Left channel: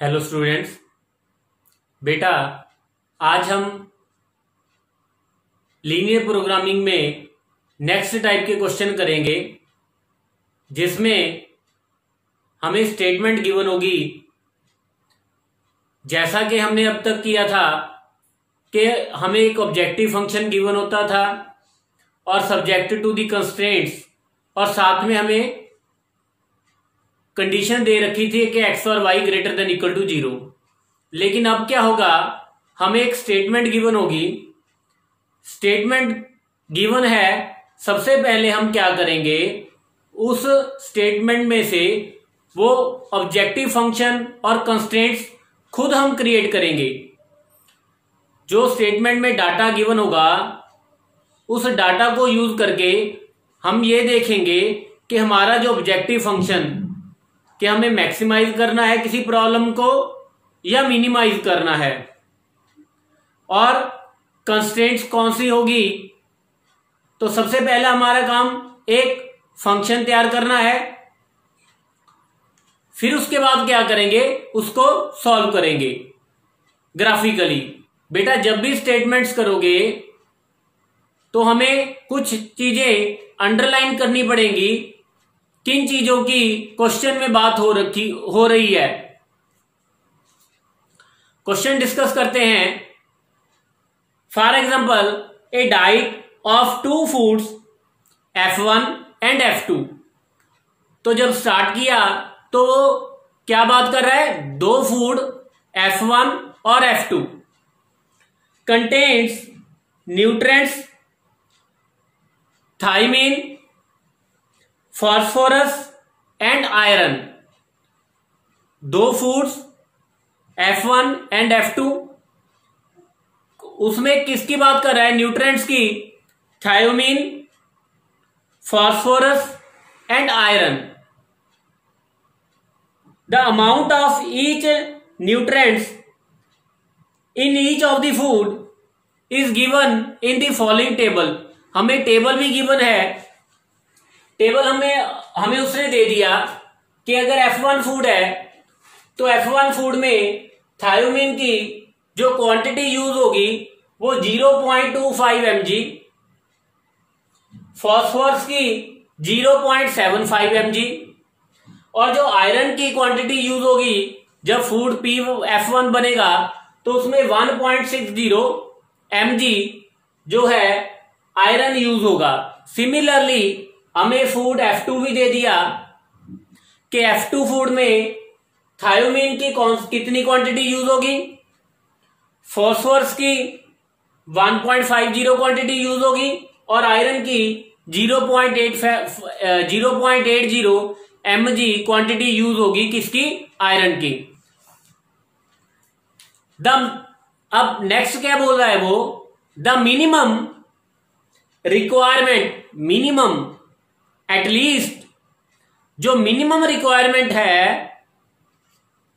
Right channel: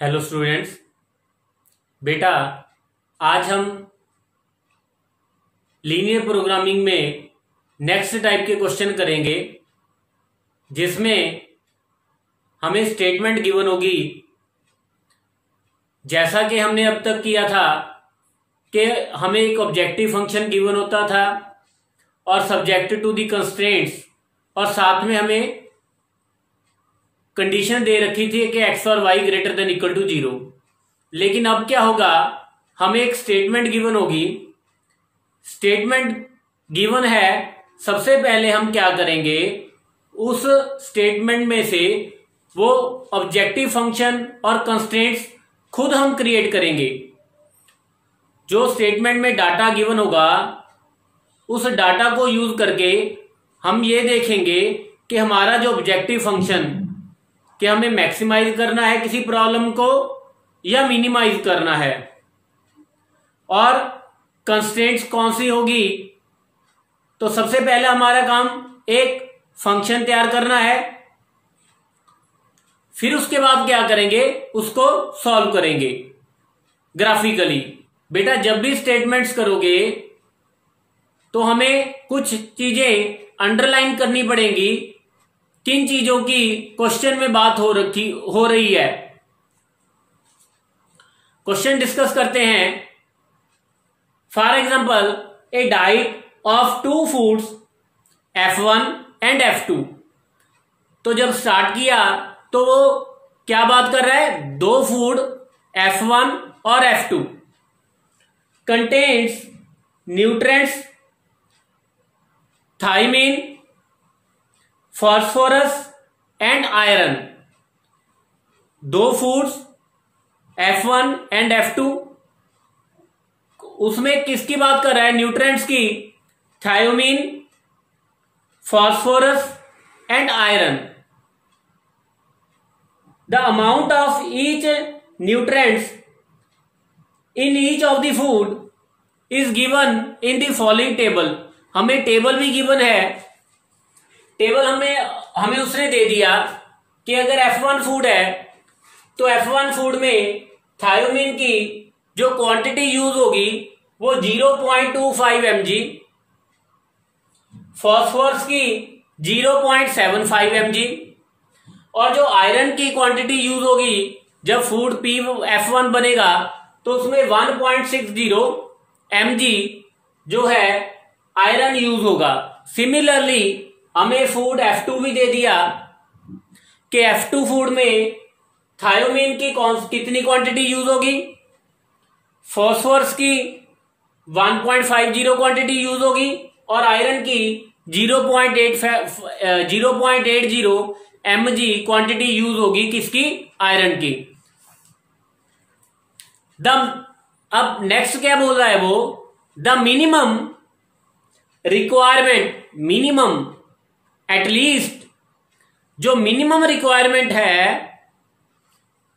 Hello students. बेटा, आज हम लीनियर प्रोग्रामिंग में नेक्स्ट टाइप के क्वेश्चन करेंगे, जिसमें हमें स्टेटमेंट गिवन होगी। जैसा कि हमने अब तक किया था कि हमें एक ऑब्जेक्टिव फंक्शन गिवन होता था और सब्जेक्ट टू दी कंस्ट्रेंट्स, और साथ में हमें कंडीशन दे रखी थी कि एक्स और y greater than equal to 0। लेकिन अब क्या होगा, हमें एक स्टेटमेंट गिवन होगी। स्टेटमेंट गिवन है, सबसे पहले हम क्या करेंगे, उस स्टेटमेंट में से वो ऑब्जेक्टिव फंक्शन और कंस्ट्रेंट्स खुद हम क्रिएट करेंगे। जो स्टेटमेंट में डाटा गिवन होगा, उस डाटा को यूज करके हम ये देखेंगे कि हमारा जो ऑब्जेक्टिव फंक्शन, कि हमें मैक्सिमाइज करना है किसी प्रॉब्लम को या मिनिमाइज करना है, और कंस्ट्रेंट्स कौन सी होगी। तो सबसे पहला हमारा काम एक फंक्शन तैयार करना है, फिर उसके बाद क्या करेंगे, उसको सॉल्व करेंगे ग्राफिकली। बेटा, जब भी स्टेटमेंट्स करोगे तो हमें कुछ चीजें अंडरलाइन करनी पड़ेंगी, किन चीजों की क्वेश्चन में बात हो रही है। क्वेश्चन डिस्कस करते हैं। For example, A diet of 2 foods F1 and F2। तो जब स्टार्ट किया तो वो क्या बात कर रहा है, 2 फूड F1 और F2 contains nutrients thiamine, phosphorus and iron. 2 foods F1 and F2, उसमें किसकी बात कर रहा है, न्यूट्रिएंट्स की, thiamine, phosphorus and iron. The amount of each nutrients in each of the food is given in the following table. हमें table भी given है। टेबल हमें उसने दे दिया कि अगर F1 फूड है तो F1 फूड में थायोमीन की जो क्वांटिटी यूज होगी वो 0.25 mg, फॉस्फोरस की 0.75 mg, और जो आयरन की क्वांटिटी यूज होगी जब फूड F1 बनेगा तो उसमें 1.60 mg जो है आयरन यूज होगा। सिमिलरली हमें फूड F2 भी दे दिया कि F2 फूड में थायोमीन की कितनी क्वांटिटी यूज होगी, फॉस्फोरस की 1.50 क्वांटिटी यूज होगी, और आयरन की 0.80 mg क्वांटिटी यूज होगी, किसकी, आयरन की। अब नेक्स्ट क्या बोल रहा है वो, the minimum requirement, minimum at least, जो मिनिमम रिक्वायरमेंट है,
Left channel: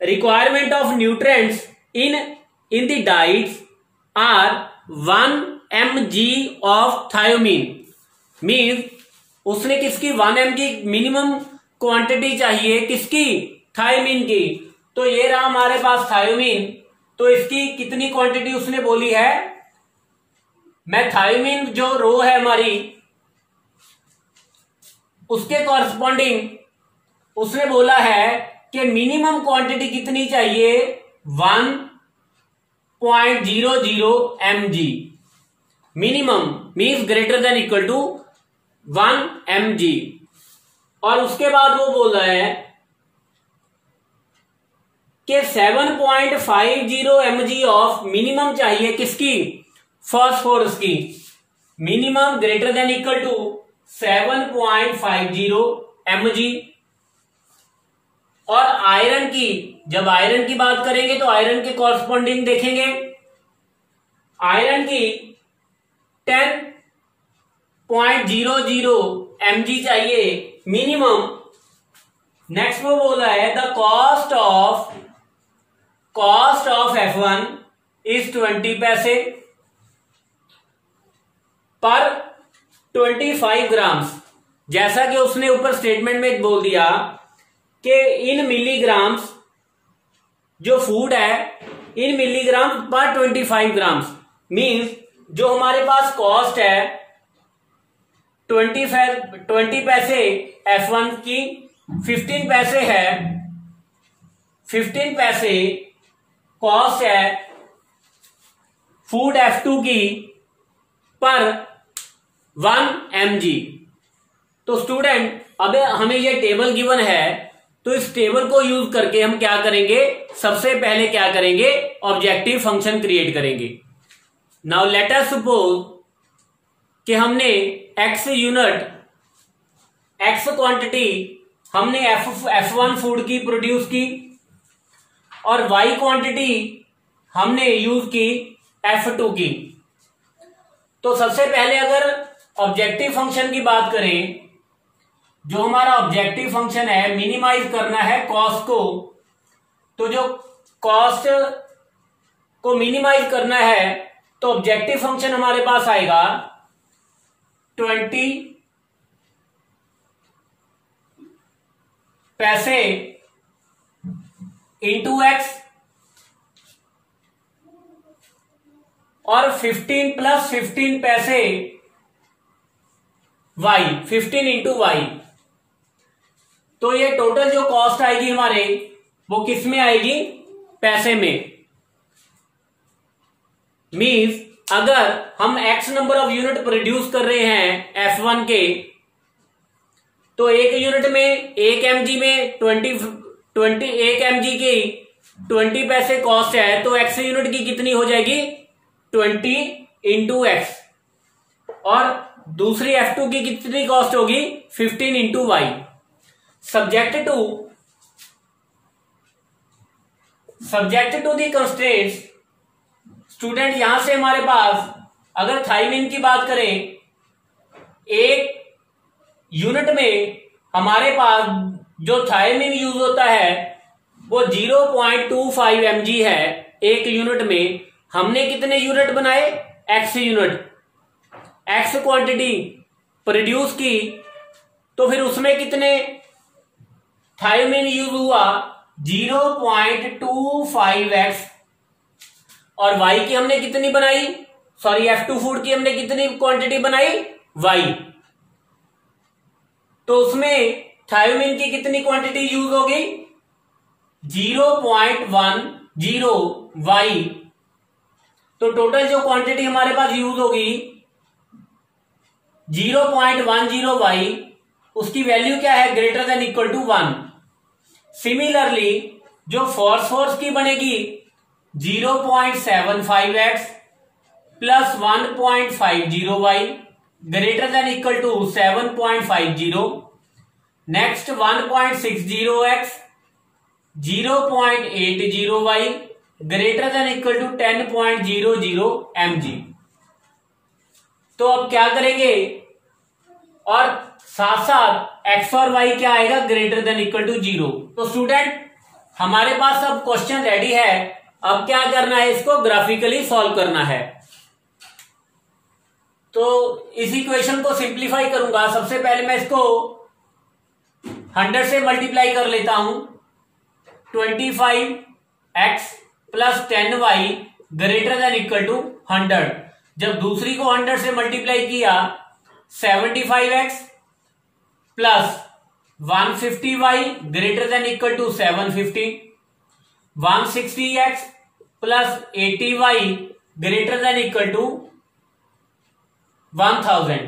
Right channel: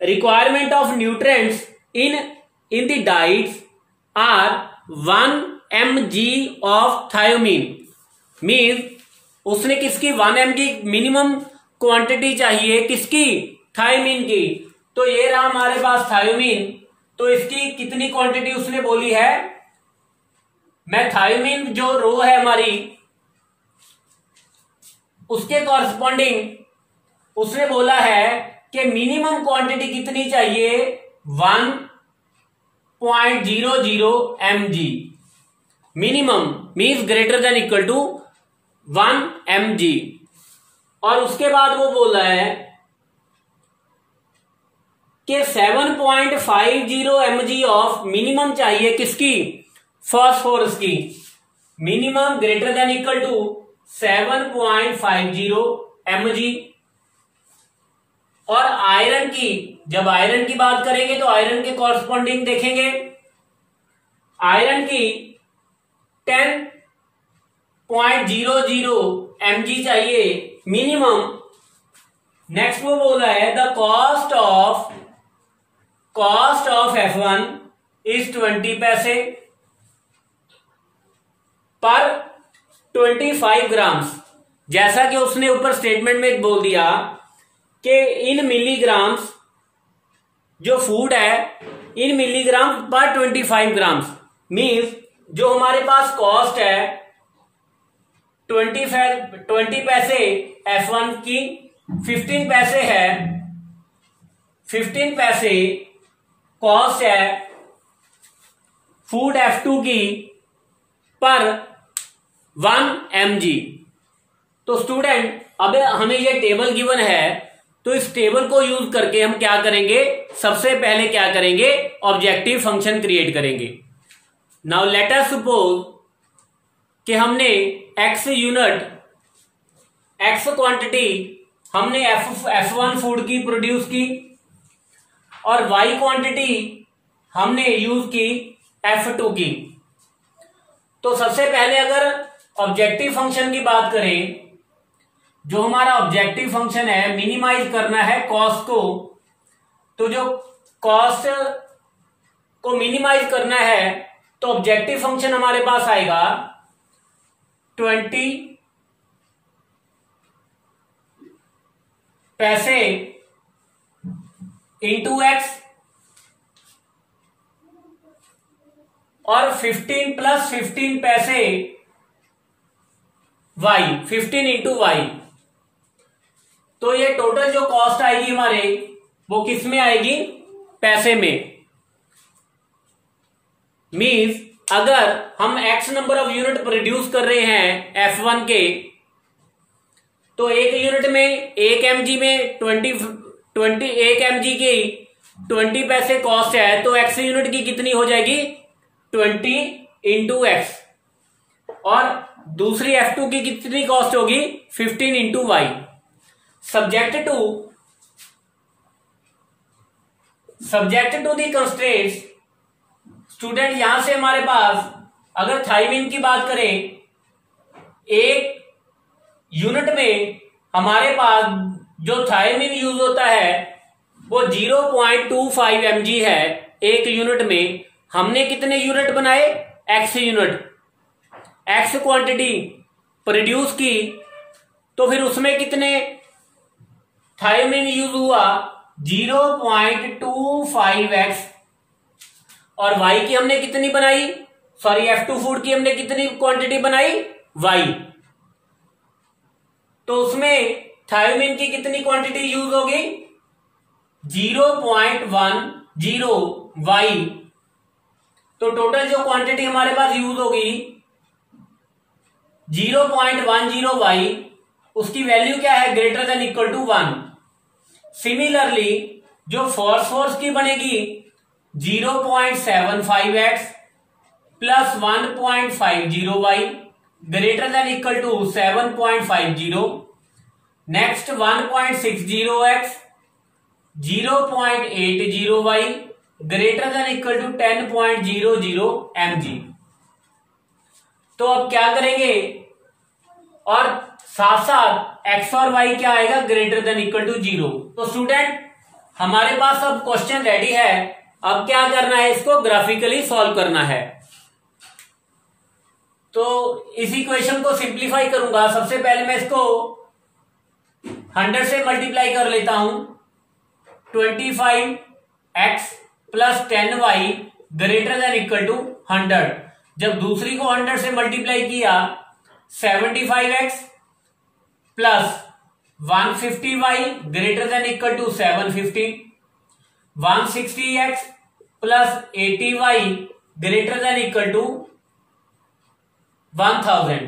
requirement of nutrients in the diets are 1 mg of thiamine. Mean उसने किसकी 1 mg मिनिमम क्वांटिटी चाहिए, किसकी, थायोमीन की। तो ये रहा हमारे पास थायोमीन, तो इसकी कितनी क्वांटिटी उसने बोली है, मैं थायोमीन जो रो है हमारी उसके कॉरस्पॉन्डिंग उसने बोला है कि मिनिमम क्वांटिटी कितनी चाहिए, 1.00 mg। Minimum means greater than equal to 1 mg। और उसके बाद वो बोल रहा है कि 7.50 mg ऑफ मिनिमम चाहिए, किसकी, फॉस्फोरस की। Minimum greater than equal to 7.50 mg। और आयरन की, जब आयरन की बात करेंगे तो आयरन के कॉरस्पॉन्डिंग देखेंगे, आयरन की 10.00 mg चाहिए मिनिमम। नेक्स्ट वो बोला है the cost of F1 is 20 पैसे पर 25 ग्राम्स। जैसा कि उसने ऊपर स्टेटमेंट में बोल दिया कि इन मिलीग्राम्स जो फूड है इन मिलीग्राम पर 25 ग्राम्स, मीन्स जो हमारे पास कॉस्ट है 20 पैसे F1 की, 15 पैसे है, 15 पैसे कॉस्ट है फूड F2 की पर 1 mg। तो स्टूडेंट अब हमें यह टेबल गिवन है, तो इस टेबल को यूज करके हम क्या करेंगे, सबसे पहले क्या करेंगे, ऑब्जेक्टिव फंक्शन क्रिएट करेंगे। नाउ लेट अस सपोज कि हमने x यूनिट, x क्वांटिटी हमने F1 फूड की प्रोड्यूस की और y क्वांटिटी हमने यूज की F2 की। तो सबसे पहले अगर ऑब्जेक्टिव फंक्शन की बात करें, जो हमारा ऑब्जेक्टिव फंक्शन है, मिनिमाइज करना है कॉस्ट को, तो जो कॉस्ट को मिनिमाइज करना है तो ऑब्जेक्टिव फंक्शन हमारे पास आएगा 20 पैसे इंटू एक्स और 15 प्लस 15 पैसे y, 15 इंटू वाई। तो ये टोटल जो कॉस्ट आएगी हमारे, वो किस में आएगी, पैसे में। मीन्स अगर हम x number of unit produce कर रहे हैं F1 के, तो एक यूनिट में 1 mg में 1 mg की 20 पैसे कॉस्ट है, तो x यूनिट की कितनी हो जाएगी, 20 इंटू एक्स, और दूसरी F2 की कितनी कॉस्ट होगी, 15 into y. Subject to the constraints, student यहां से हमारे पास अगर थायमिन की बात करें, एक यूनिट में हमारे पास जो थायमिन यूज होता है वो 0.25 mg है एक यूनिट में। हमने कितने यूनिट बनाए, x unit, x quantity produce की, तो फिर उसमें कितने थायमिन यूज हुआ, 0.25x, और y की हमने कितनी बनाई, सॉरी F2 फूड की हमने कितनी क्वांटिटी बनाई, y, तो उसमें थायमिन की कितनी क्वांटिटी यूज होगी, 0.10 y। तो टोटल जो क्वांटिटी हमारे पास यूज होगी 0.10 y, उसकी वैल्यू क्या है, greater than equal to 1। Similarly जो फोर्स की बनेगी 0.75x plus 1.50 y greater than equal to 7.50। Next 1.60x 0.80 y greater than equal टू 10.00 mg। तो अब क्या करेंगे, और साथ साथ x और y क्या आएगा, ग्रेटर देन इक्वल टू 0। तो स्टूडेंट हमारे पास अब क्वेश्चन रेडी है, अब क्या करना है, इसको ग्राफिकली सॉल्व करना है। तो इस इक्वेशन को सिंप्लीफाई करूंगा। सबसे पहले मैं इसको 100 से मल्टीप्लाई कर लेता हूं, 25x plus 10y greater than equal to 100। जब दूसरी को 100 से मल्टीप्लाई किया, 75x plus 150y greater than equal to 750, 160x plus 80y greater than equal to 1000।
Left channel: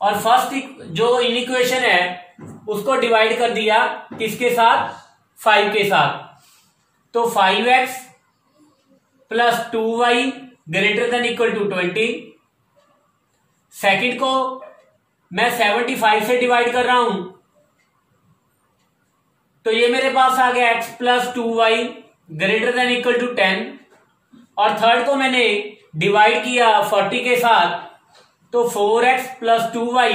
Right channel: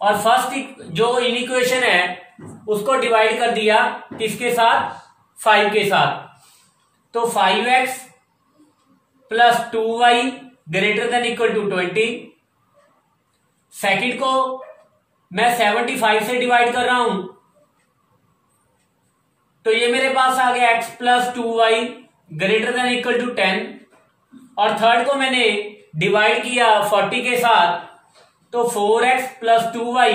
और फर्स्ट जो इक्वेशन है उसको डिवाइड कर दिया किसके साथ, 5 के साथ। तो 5x plus 2y greater than equal to 20। Second को मैं 75 से डिवाइड कर रहा हूं, तो ये मेरे पास आ गया x plus 2y greater than equal to 10। और थर्ड को मैंने डिवाइड किया 40 के साथ, तो 4x plus 2y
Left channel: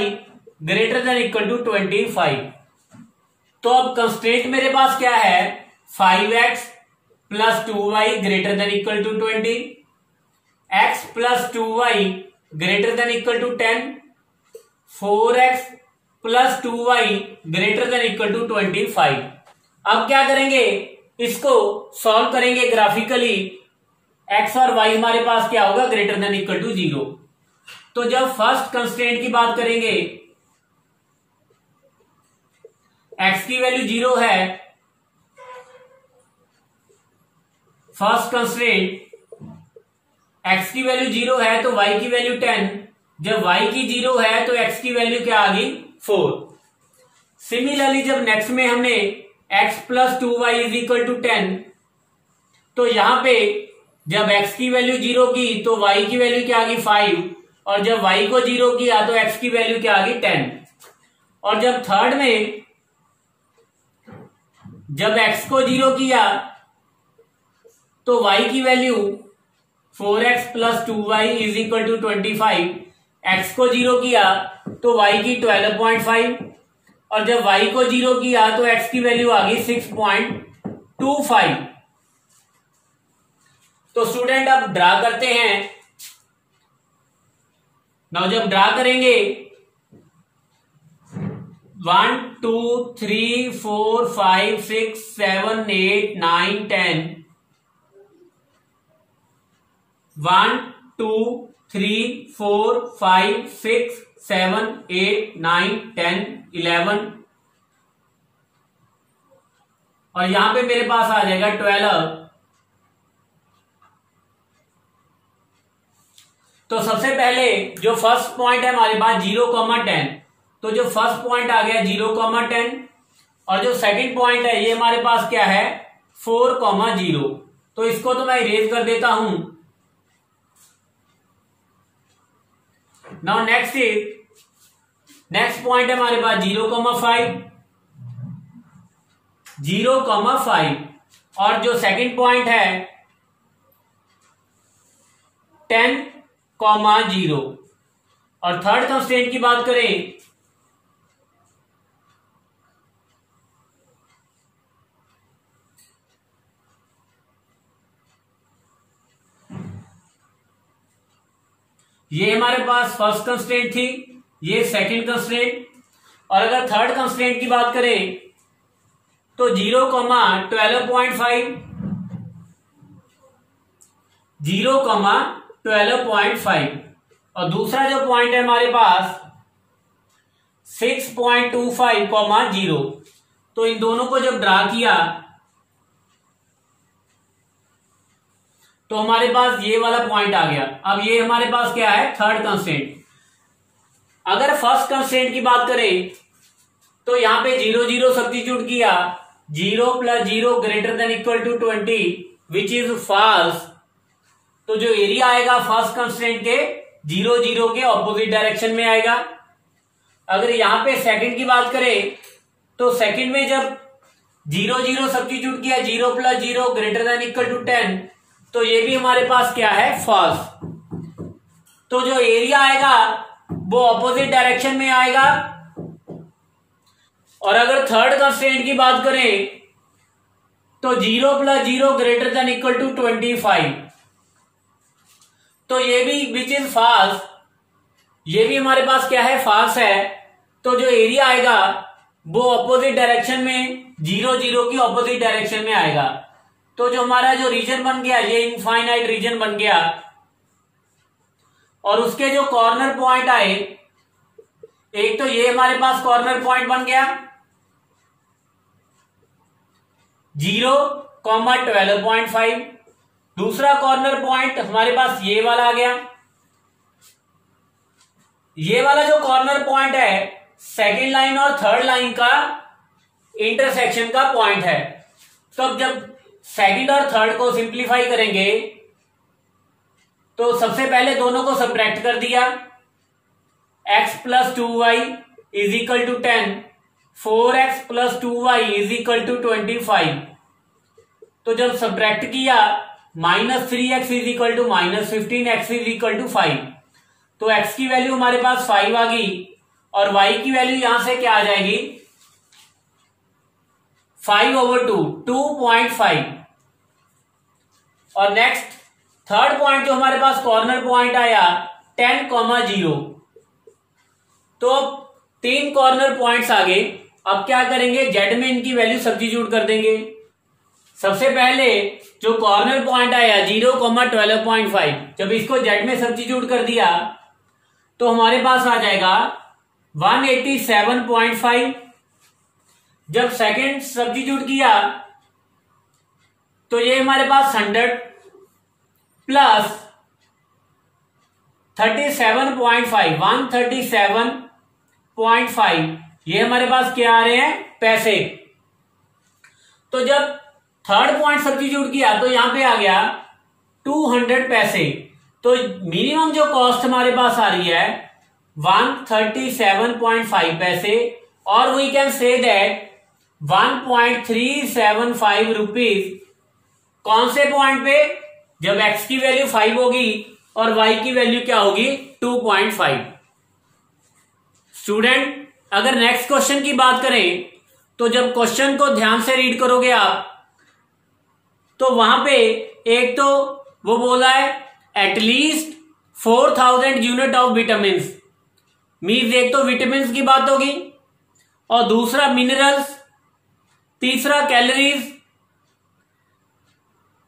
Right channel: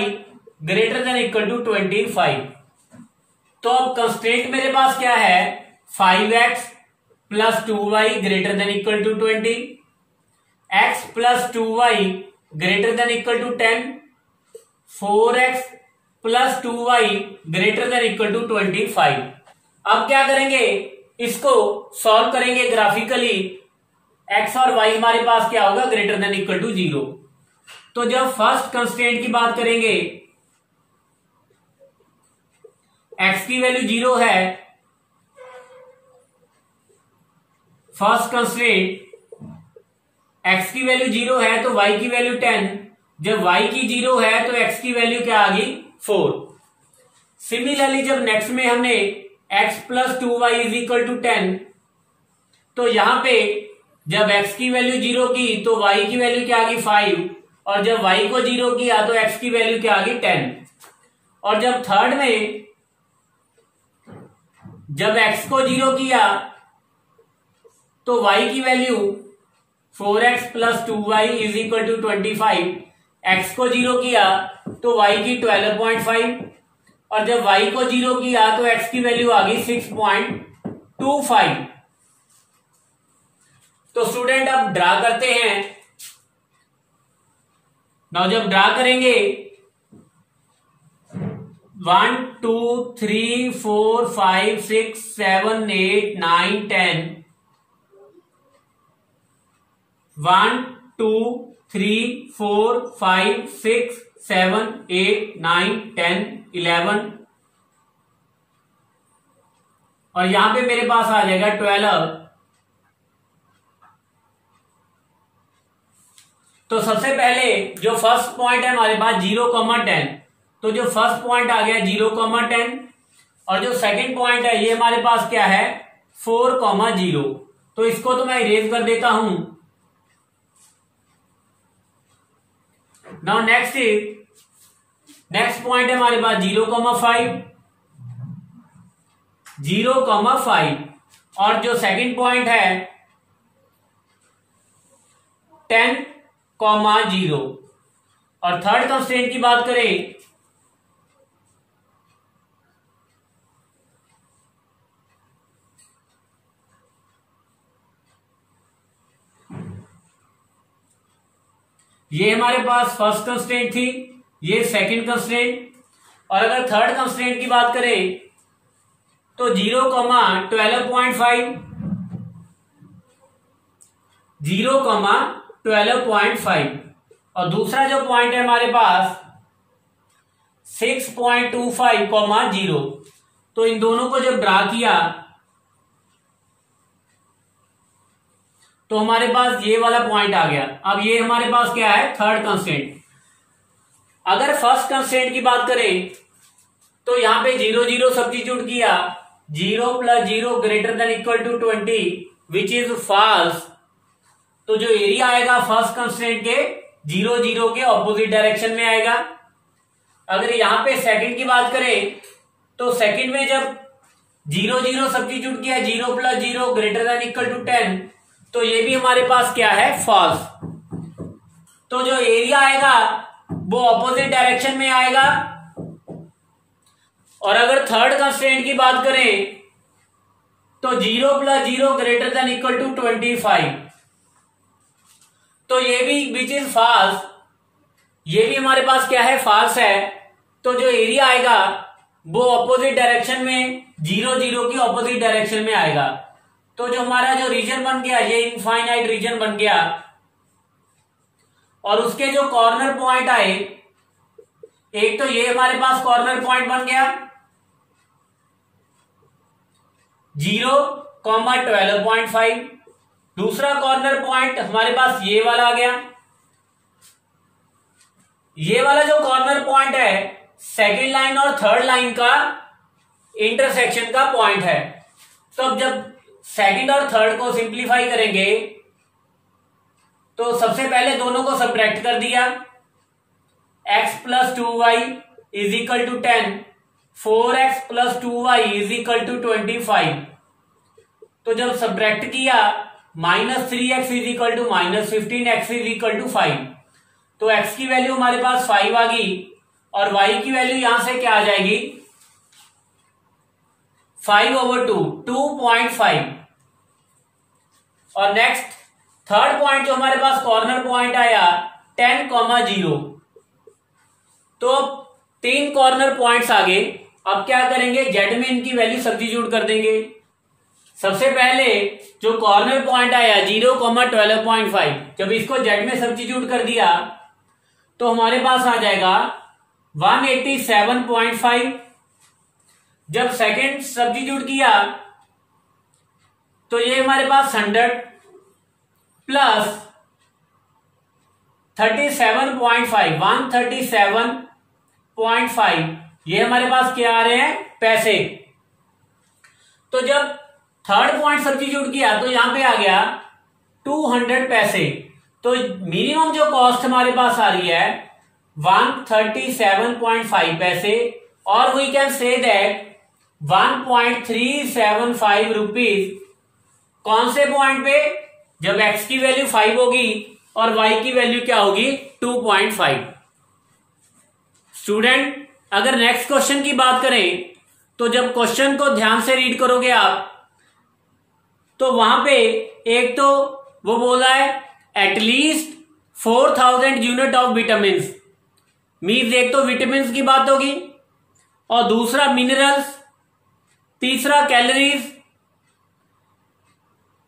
greater than equal to 25। तो अब कंस्ट्रेंट मेरे पास क्या है, 5x plus 2y greater than equal to 20, x plus 2y greater than equal to 10, 4x plus 2y greater than equal to 25। अब क्या करेंगे, इसको सॉल्व करेंगे ग्राफिकली, एक्स और वाई हमारे पास क्या होगा, ग्रेटर देन इक्वल टू 0। तो जब फर्स्ट कंस्ट्रेंट की बात करेंगे, एक्स की वैल्यू 0 है, फर्स्ट कंस्ट्रेंट एक्स की वैल्यू 0 है तो वाई की वैल्यू 10, जब वाई की 0 है तो एक्स की वैल्यू क्या आ गई, 4। सिमिलरली जब नेक्स्ट में हमने x plus 2y is equal to 10, तो यहां पे जब x की वैल्यू 0 की तो y की वैल्यू क्या आ गई, 5, और जब y को 0 किया तो x की वैल्यू क्या आ गई, 10। और जब थर्ड में जब x को 0 किया तो y की value 4x plus 2y is equal to 25, x को 0 किया तो y की 12.5, और जब y को 0 किया तो x की वैल्यू आ गई 6.25। तो स्टूडेंट अब ड्रा करते हैं। नाउ जब ड्रा करेंगे 1 2 3 4 5 6 7 8 9 10, 1 2 3 4 5 6 7 8 9 10 11, और यहां पे मेरे पास आ जाएगा 12। तो सबसे पहले जो फर्स्ट पॉइंट है हमारे पास 0,10, तो जो फर्स्ट पॉइंट आ गया 0,10, और जो सेकंड पॉइंट है ये हमारे पास क्या है, 4,0। तो इसको तो मैं इरेज कर देता हूं। नाउ नेक्स्ट पॉइंट है हमारे पास 0,5, 0,5, और जो सेकंड पॉइंट है 10,0, और थर्ड कंस्ट्रेंट की बात करें ये हमारे पास फर्स्ट कंस्ट्रेंट थी, ये सेकंड कंस्ट्रेंट, और अगर थर्ड कंस्ट्रेंट की बात करें तो 0,12.5, 0,12.5, और दूसरा जो पॉइंट है हमारे पास 6.25,0। तो इन दोनों को जब ड्रा किया तो हमारे पास ये वाला पॉइंट आ गया। अब ये हमारे पास क्या है, थर्ड कंस्ट्रेंट। अगर फर्स्ट कंस्ट्रेंट की बात करें तो यहां पे 0 0 सब्स्टिट्यूट किया, 0 plus 0 greater than equal to 20 which is false. तो जो एरिया आएगा फर्स्ट कंस्ट्रेंट के 0 0 के ऑपोजिट डायरेक्शन में आएगा। अगर यहां पे सेकंड की बात करें तो सेकंड में जब 0 0 सब्स्टिट्यूट किया, 0 plus 0 greater than equal to 10, तो ये भी हमारे पास क्या है, फॉल्स। तो जो एरिया आएगा वो ऑपोजिट डायरेक्शन में आएगा। और अगर थर्ड कंस्ट्रेंट की बात करें तो 0 plus 0 greater than equal to 25, तो ये भी विच इज फॉल्स, ये भी हमारे पास क्या है, फॉल्स है। तो जो एरिया आएगा वो ऑपोजिट डायरेक्शन में 0 0 की ऑपोजिट डायरेक्शन में आएगा। तो जो हमारा जो रीजन बन गया ये इनफाइनाइट रीजन बन गया, और उसके जो कॉर्नर पॉइंट आए, एक तो ये हमारे पास कॉर्नर पॉइंट बन गया 0,12.5, दूसरा कॉर्नर पॉइंट हमारे पास ये वाला आ गया। ये वाला जो कॉर्नर पॉइंट है सेकेंड लाइन और थर्ड लाइन का इंटरसेक्शन का पॉइंट है। तो अब जब सेकंड और थर्ड को सिंप्लीफाई करेंगे तो सबसे पहले दोनों को सब्ट्रैक्ट कर दिया, x plus 2y is equal to 10, 4x plus 2y is equal to 25। तो जब सब्ट्रैक्ट किया -3x is equal to -15x is equal to 5, तो x की वैल्यू हमारे पास 5 आ गई, और y की वैल्यू यहां से क्या आ जाएगी, 5/2, 2.5। और नेक्स्ट थर्ड पॉइंट जो हमारे पास कॉर्नर पॉइंट आया 10,0, तो 3 कॉर्नर पॉइंट्स आ गए। अब क्या करेंगे, जेड में इनकी वैल्यू सब्स्टिट्यूट कर देंगे। सबसे पहले जो कॉर्नर पॉइंट आया 0,12.5, जब इसको जेड में सब्स्टिट्यूट कर दिया तो हमारे पास आ जाएगा 187.5। जब सेकंड सब्स्टिट्यूट किया तो ये हमारे पास 100 प्लस 37.5, 137.5, ये हमारे पास क्या आ रहे हैं, पैसे। तो जब थर्ड पॉइंट सब्स्टिट्यूट किया तो यहां पे आ गया 200 पैसे। तो मिनिमम जो कॉस्ट हमारे पास आ रही है 137.5 पैसे, और we can say that 1.375 rupees. कौन से पॉइंट पे, जब x की वैल्यू 5 होगी और y की वैल्यू क्या होगी 2.5। स्टूडेंट अगर नेक्स्ट क्वेश्चन की बात करें तो जब क्वेश्चन को ध्यान से रीड करोगे आप तो वहां पे एक तो वो बोला है at least 4000 unit of vitamin, means एक तो विटामिन की बात होगी और दूसरा मिनरल्स, तीसरा कैलोरीज।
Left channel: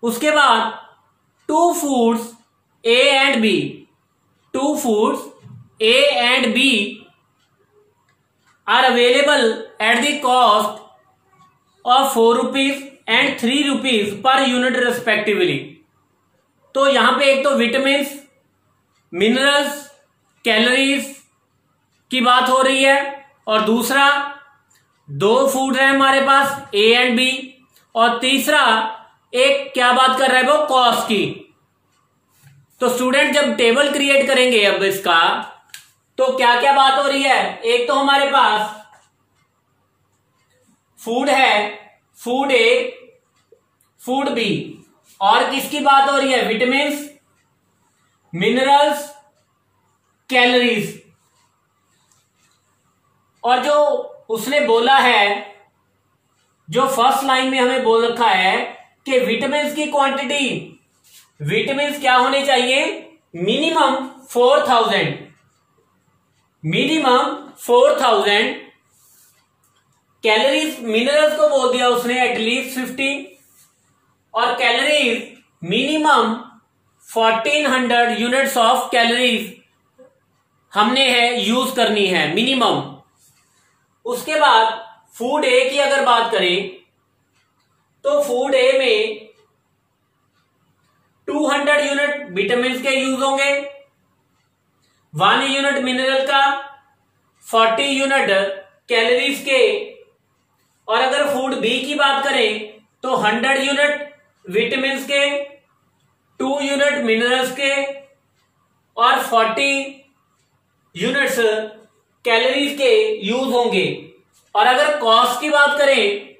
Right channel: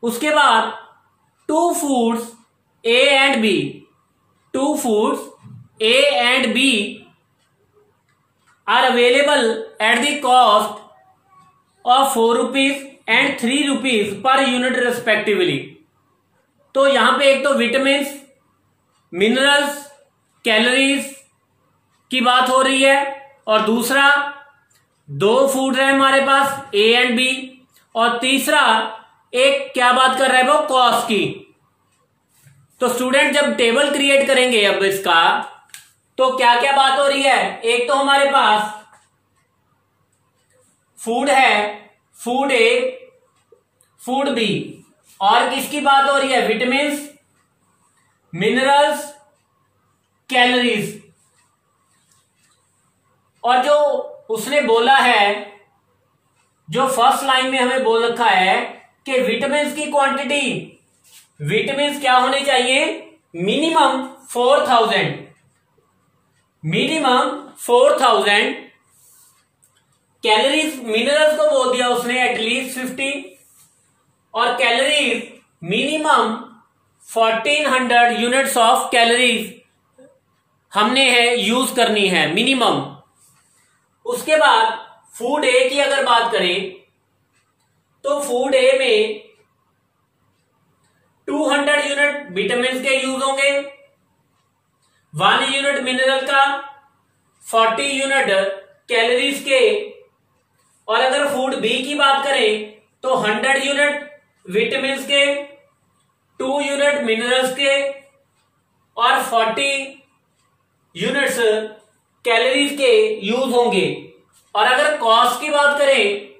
उसके बाद 2 foods A and B, 2 foods A and B are available at the cost of 4 rupees and 3 rupees per unit respectively। तो यहां पे एक तो विटामिन, मिनरल्स, कैलोरीज की बात हो रही है और दूसरा 2 फूड है हमारे पास A and B, और तीसरा एक क्या बात कर रहा है वो कॉस्ट की। तो स्टूडेंट जब टेबल क्रिएट करेंगे अब इसका तो क्या क्या बात हो रही है, एक तो हमारे पास फूड है, फूड ए, फूड बी, और किसकी बात हो रही है, विटामिन, मिनरल्स, कैलोरीज। और जो उसने बोला है, जो फर्स्ट लाइन में हमें बोल रखा है कि विटामिन की क्वांटिटी, विटामिन क्या होने चाहिए, मिनिमम 4000, मिनिमम 4000। कैलोरीज, मिनरल्स को बोल दिया उसने एटलीस्ट 50, और calories minimum 1400 units of calories हमने है यूज करनी है मिनिमम। उसके बाद फूड ए की अगर बात करें तो फूड ए में 200 यूनिट विटामिन के यूज होंगे, 1 यूनिट मिनरल का, 40 यूनिट कैलोरीज के, और अगर फूड बी की बात करें तो 100 यूनिट विटामिन के, 2 यूनिट मिनरल्स के और 40 यूनिट्स कैलोरीज के यूज होंगे। और अगर कॉस्ट की बात करें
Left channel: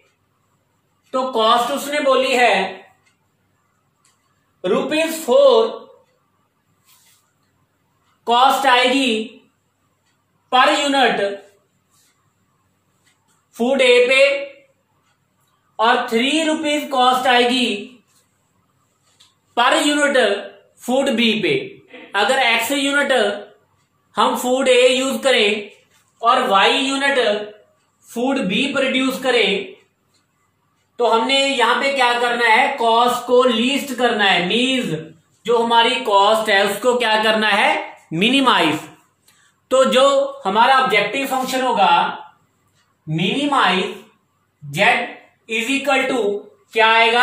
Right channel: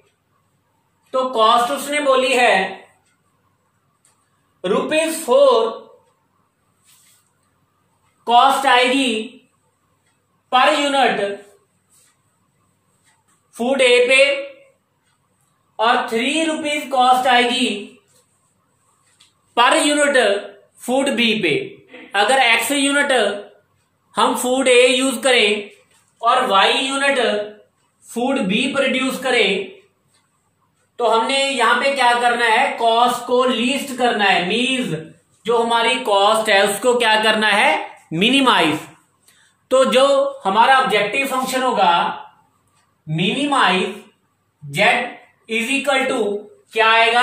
तो कॉस्ट उसने बोली है ₹4 कॉस्ट आएगी पर यूनिट फूड ए पे, और 3 रुपीज कॉस्ट आएगी पर यूनिट फूड बी पे। अगर x यूनिट हम फूड ए यूज करें और y unit food B produce करें तो हमने यहां पे क्या करना है, कॉस्ट को लीस्ट करना है, मीन्स जो हमारी कॉस्ट है उसको क्या करना है, मिनिमाइज। तो जो हमारा ऑब्जेक्टिव फंक्शन होगा minimise z is equal to क्या आएगा,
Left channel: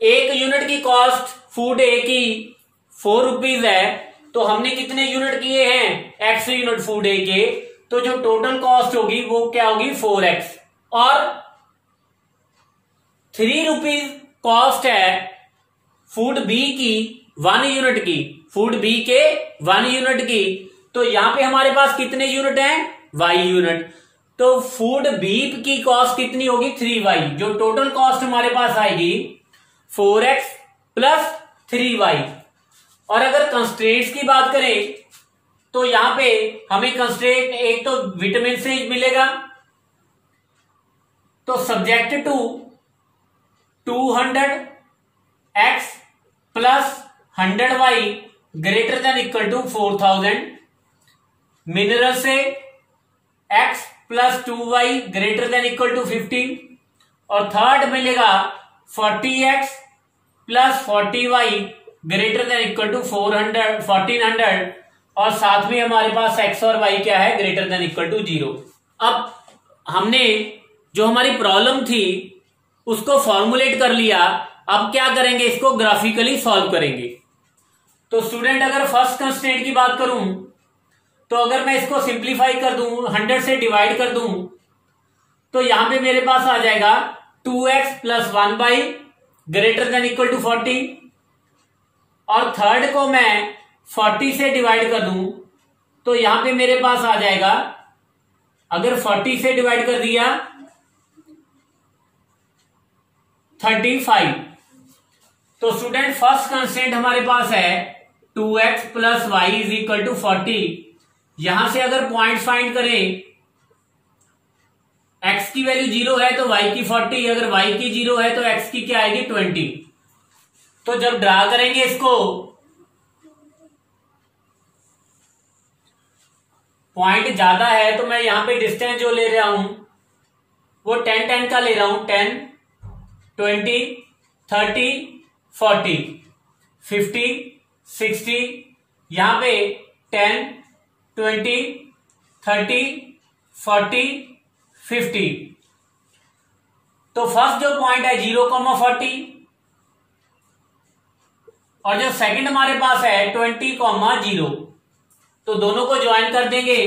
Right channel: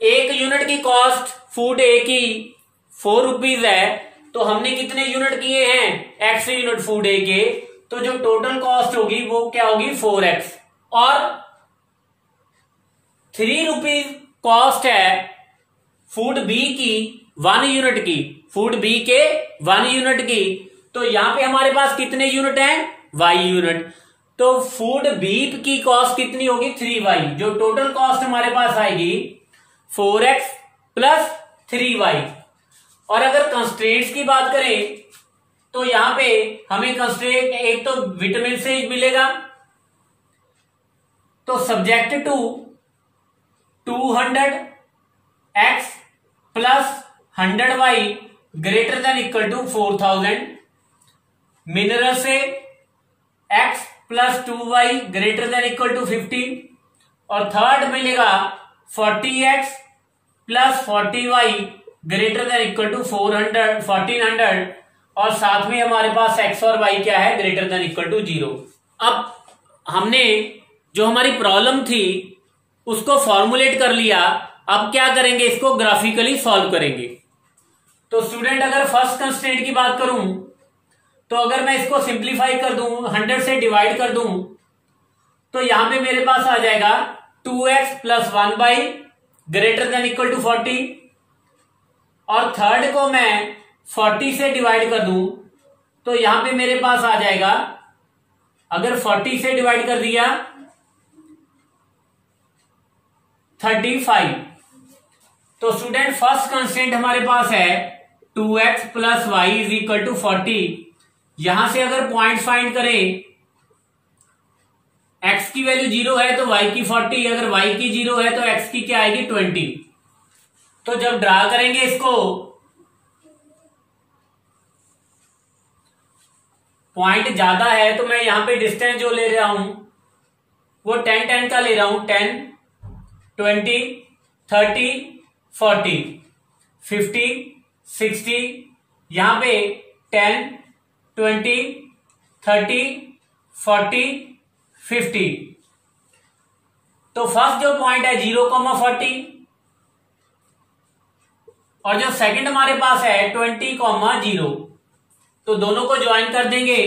1 यूनिट की कॉस्ट फूड ए की 4 रुपीज है, तो हमने कितने यूनिट किए हैं, x यूनिट फूड ए के, तो जो टोटल कॉस्ट होगी वो क्या होगी 4x, और 3 रुपीज कॉस्ट है फूड बी की 1 यूनिट की, फूड बी के 1 यूनिट की। तो यहां पे हमारे पास कितने यूनिट हैं, y यूनिट। तो फूड बी की कॉस्ट कितनी होगी 3y, जो टोटल कॉस्ट हमारे पास आएगी 4x प्लस 3y। और अगर कंस्ट्रेंट्स की बात करें तो यहां पे हमें कंस्ट्रेंट एक तो विटामिन से मिलेगा, तो subject to 200x plus 100y greater than equal to 4000, mineral से x plus 2y greater than equal to 50, और थर्ड मिलेगा 40x plus 40y greater than equal to 1400 और साथ में हमारे पास x और y क्या है, ग्रेटर देन इक्वल टू 0। अब हमने जो हमारी प्रॉब्लम थी उसको फॉर्मुलेट कर लिया। अब क्या करेंगे, इसको ग्राफिकली सॉल्व करेंगे। तो स्टूडेंट अगर फर्स्ट कंस्ट्रेंट की बात करूं तो अगर मैं इसको सिंप्लीफाई कर दूं, 100 से डिवाइड कर दूं, तो यहां पे मेरे पास आ जाएगा 2x plus 1y greater than equal to 40। और थर्ड को मैं 40 से डिवाइड कर दूं तो यहां पे मेरे पास आ जाएगा, अगर 40 से डिवाइड कर दिया 35। तो स्टूडेंट फर्स्ट कंस्टेंट हमारे पास है 2x plus y is equal to 40। यहां से अगर पॉइंट फाइंड करें, x की वैल्यू 0 है तो y की 40, अगर y की 0 है तो x की क्या आएगी 20। तो जब ड्रा करेंगे इसको, पॉइंट ज्यादा है तो मैं यहां पे डिस्टेंस जो ले रहा हूं वो 10 का ले रहा हूं, 10, 20, 30, 40, 50, 60, यहां पे 10, 20, 30, 40, 50। तो फर्स्ट जो पॉइंट है 0,40 और जो सेकंड हमारे पास है 20,0, तो दोनों को ज्वाइन कर देंगे,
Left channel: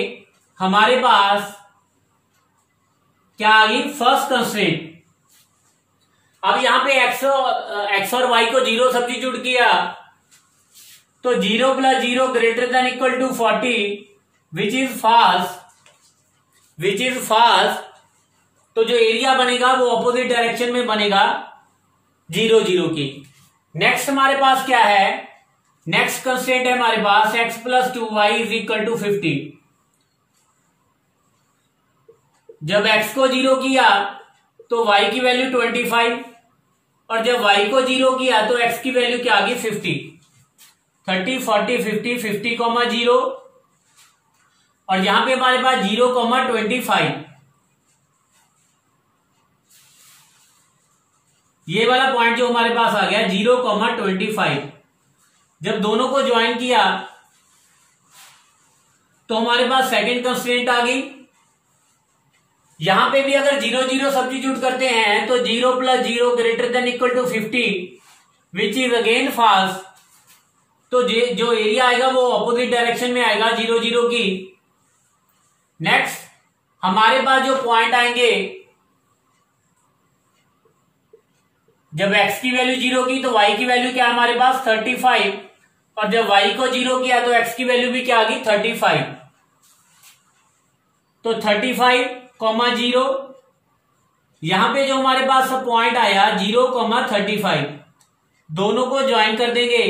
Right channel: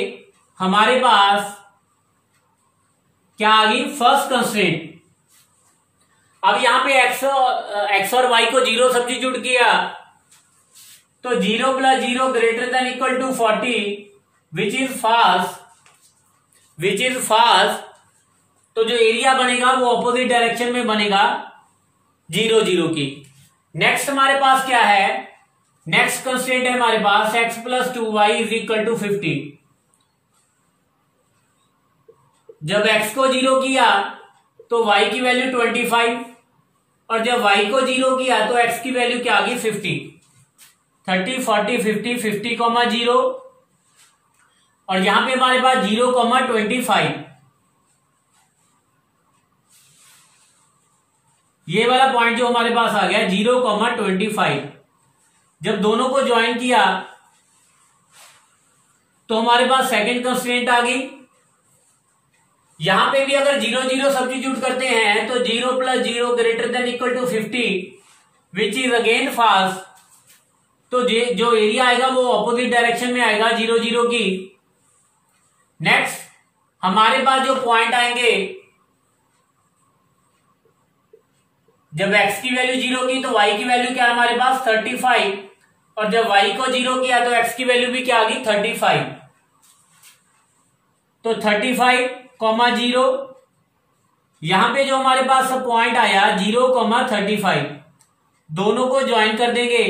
हमारे पास क्या आ गई, फर्स्ट कंस्ट्रेंट। अब यहां पे x और y को 0 सब्स्टिट्यूट किया तो 0 plus 0 greater than equal to 40 which is फास्ट। तो जो एरिया बनेगा वो ऑपोजिट डायरेक्शन में बनेगा 0, 0 की। नेक्स्ट हमारे पास क्या है, नेक्स्ट कंस्ट्रेंट है हमारे पास x plus 2y is equal to 50। जब x को 0 किया तो y की वैल्यू 25 और जब y को 0 किया तो x की वैल्यू क्या आ गई 50। 30, 40, 50, 50,0 और यहां पे हमारे पास 0,25। ये वाला पॉइंट जो हमारे पास आ गया 0,25। जब दोनों को ज्वाइन किया तो हमारे पास सेकंड कंस्ट्रेंट आ गई। यहां पे भी अगर 0, 0 सब्स्टिट्यूट करते हैं तो 0 plus 0 greater than equal to 50 which is again फास्ट। तो जो एरिया आएगा वो ऑपोजिट डायरेक्शन में आएगा 0, 0 की। नेक्स्ट हमारे पास जो पॉइंट आएंगे, जब x की वैल्यू 0 की तो y की वैल्यू क्या हमारे पास 35 और जब y को 0 किया तो x की वैल्यू भी क्या आ गई 35। तो 35,0 यहां पे जो हमारे पास पॉइंट आया 0,35, दोनों को ज्वाइन कर देंगे।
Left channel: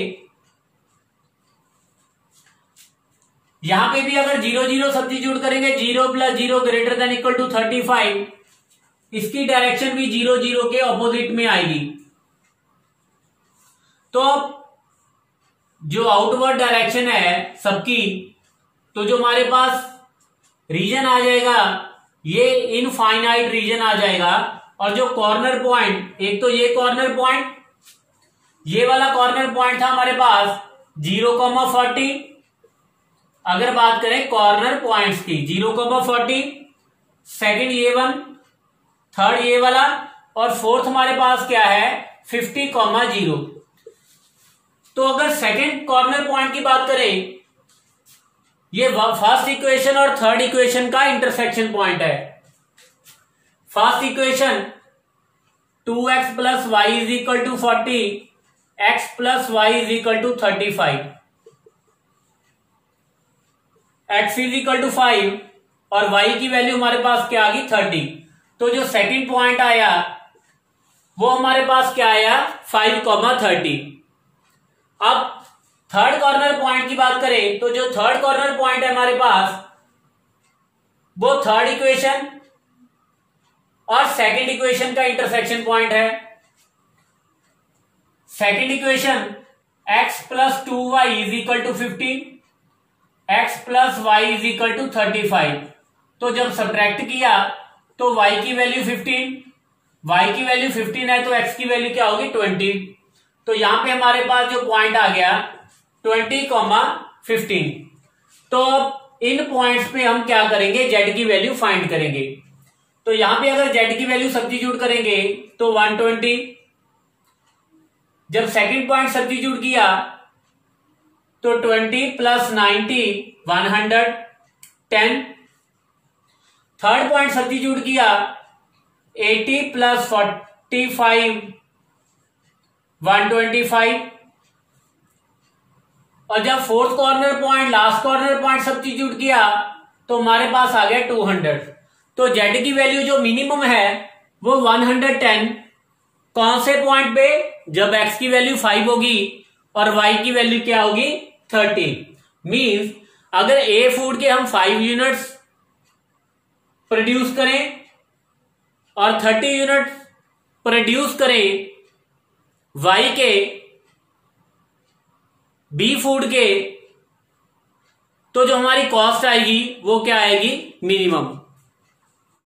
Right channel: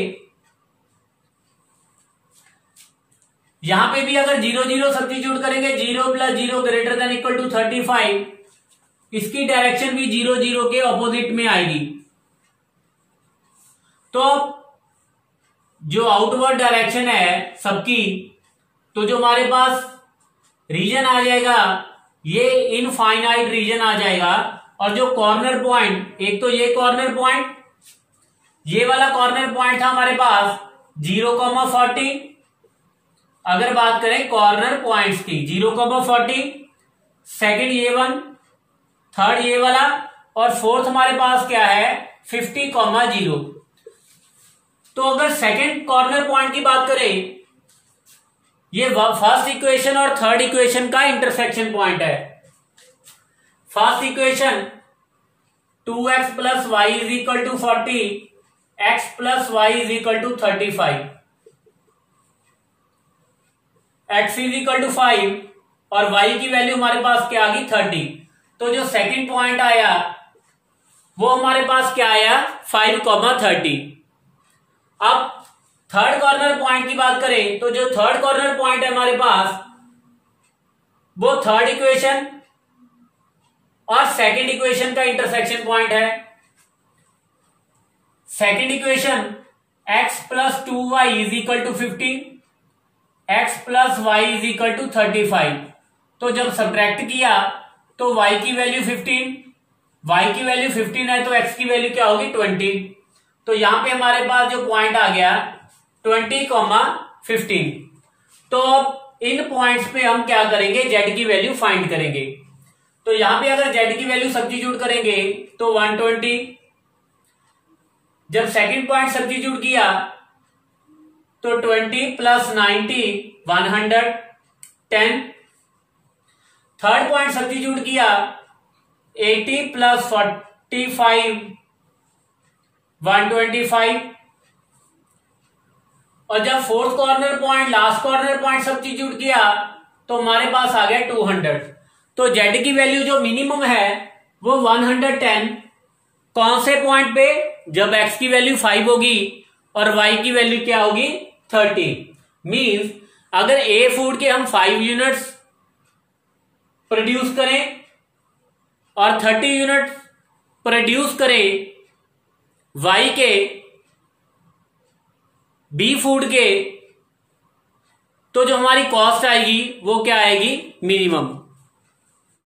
यहां पे भी अगर 0, 0 सब्स्टिट्यूट करेंगे, 0 plus 0 greater than equal to 35, इसकी डायरेक्शन भी 0, 0 के ऑपोजिट में आएगी। तो अब जो आउटवर्ड डायरेक्शन है सबकी, तो जो हमारे पास रीजन आ जाएगा ये इनफाइनाइट रीजन आ जाएगा। और जो कॉर्नर पॉइंट, एक तो ये कॉर्नर पॉइंट, ये वाला कॉर्नर पॉइंट था हमारे पास 0,40। अगर बात करें कॉर्नर पॉइंट्स की 0,40, सेकंड ये वन, थर्ड ये वाला और फोर्थ हमारे पास क्या है 50,0। तो अगर सेकंड कॉर्नर पॉइंट की बात करें, ये फर्स्ट इक्वेशन और थर्ड इक्वेशन का इंटरसेक्शन पॉइंट है। First equation 2x plus y is equal to 40, x plus y is equal to 35, x is equal to 5 और y की वैल्यू हमारे पास क्या आ गई 30। तो जो सेकंड पॉइंट आया वो हमारे पास क्या आया 5,30। अब थर्ड कॉर्नर पॉइंट की बात करें तो जो थर्ड कॉर्नर पॉइंट है हमारे पास वो थर्ड इक्वेशन और सेकंड इक्वेशन का इंटरसेक्शन पॉइंट है। Second equation x plus 2y is equal to 15, x plus y is equal to 35। तो जब सब्ट्रैक्ट किया तो y की वैल्यू 15 y की वैल्यू 15 है तो x की वैल्यू क्या होगी 20। तो यहां पे हमारे पास जो पॉइंट आ गया 20,15। तो अब इन पॉइंट्स पे हम क्या करेंगे, z की वैल्यू फाइंड करेंगे। तो यहां पे अगर z की वैल्यू सब्स्टिट्यूट करेंगे तो 120। जब सेकंड पॉइंट सब्स्टिट्यूट किया तो 20 प्लस 90 110। थर्ड पॉइंट सब्स्टिट्यूट किया 80 प्लस 45 125। और जब fourth corner point last corner point substitute किया तो हमारे पास आ गया 200। तो z की वैल्यू जो मिनिमम है वो 110। कौन से पॉइंट पे, जब x की वैल्यू 5 होगी और y की वैल्यू क्या होगी 30। मींस अगर ए फूड के हम 5 यूनिट्स प्रोड्यूस करें और 30 यूनिट प्रोड्यूस करें y के, बी फूड के, तो जो हमारी कॉस्ट आएगी वो क्या आएगी, मिनिमम।